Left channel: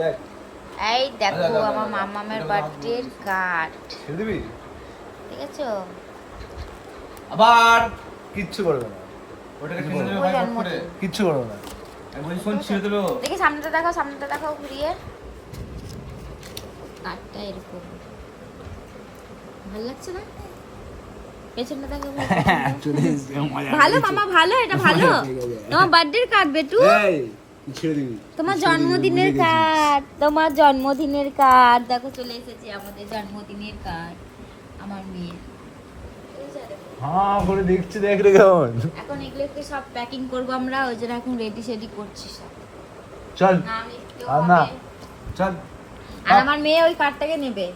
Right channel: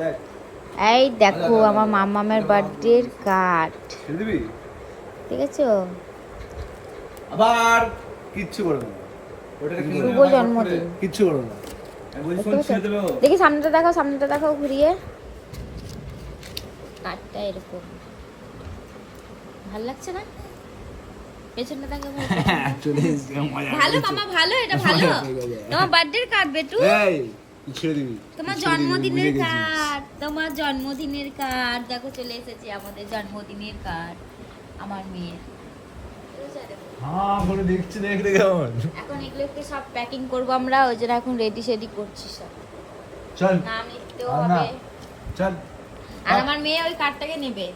দেখ এই দেখো আমার মামামের বার্থডের কার্ড, দিবি ঠিক আছে? আবার কিচ্ছু করবে না, শুভ জন্মদিন। কিচ্ছু করবে না। দেখি সামনেটা দেখাও, সামনেটা দেখাও ঘুরিয়ে। কার্ডটা এরকম ভালো লাগছে না? পেছনটা দেখাও ভাই, পেছনটা। ভালো মামা, ভালো, এটা ভালো। তোমার বার্থডের কার্ড বেটু, তোমার জন্মদিনের কার্ড, তোমার জন্মদিনের কার্ড দেখো চলে এসেছে, আমাদের জন্মদিনের কার্ড আমার মেয়ের। হ্যাঁ করে দেখছি, দেখ রে কেমন। এখন এগুলো একটু সব প্যাকিং করবো আমরা, ওই জন্য এখন রেডি সেডি করছি সব। চল নাম লিখতেও না হবে। চল। আর আমার মেয়ে ওই কার্ডটাকে নেবে,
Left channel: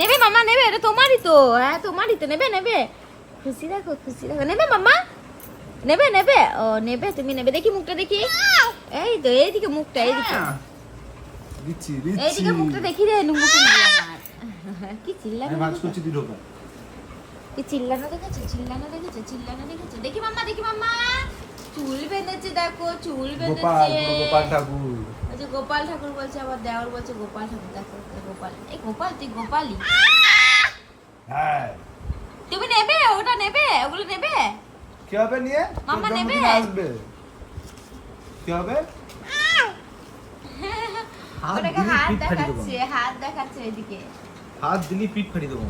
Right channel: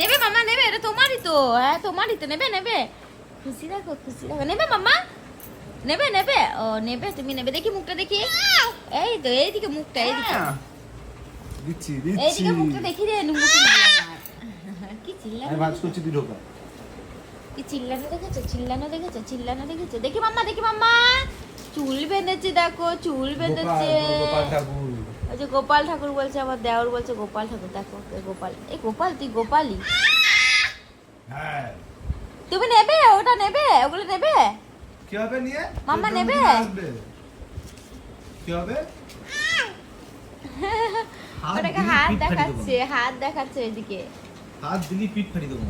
নেবে মামা নেবে, এটা তোমারই তো, হ্যাঁ তোমারই তো, নেবে নেবে, খুশি রাখো, খুশি রাখো, নেবে মামা, নেবে নেবে, ও নেবে, তুমি নেবে। দেখি মুখটা দেখি, এই তো এইদিকে মুখটা, এইদিকে দিচ্ছি এইদিকে মুখটা দেখি রে, নুমুকে নিয়ে আমার। কি চিল্লানো, আমি ভাজ করছি, তুই ঢোকা। কি চিল্লানো দেখেছো, চিল্লানো দেখেছো, চিল্লানো দেখেছো। দেখি মাম্মা, দেখি মাম্মা, চুল বেঁধেছে দেখো, চুল গোপাল, বেঁধেছে। গোপাল ঠাকুর। ওই যে গোপাল ঠাকুর বলছে, আমার দেওর বলছে গোপাল ঠাকুর, দেখো ওই গোপাল। এই গোপাল, তুই গোপালই। হ্যাঁ তুমি নেবে, ওটা নেবে, ওগুলো নেবে। কি হবে নিয়ে? মাম্মা তোর নেবে? জন্মদিনে আসবে। কি হবে? হাত ওটাকে দিলি হাত পিঠ ফাটি দেবো। দেখাচ্ছে, হাত দেখাচ্ছে এদিকে। হাত দিলি পিঠ ফাটি দেবো।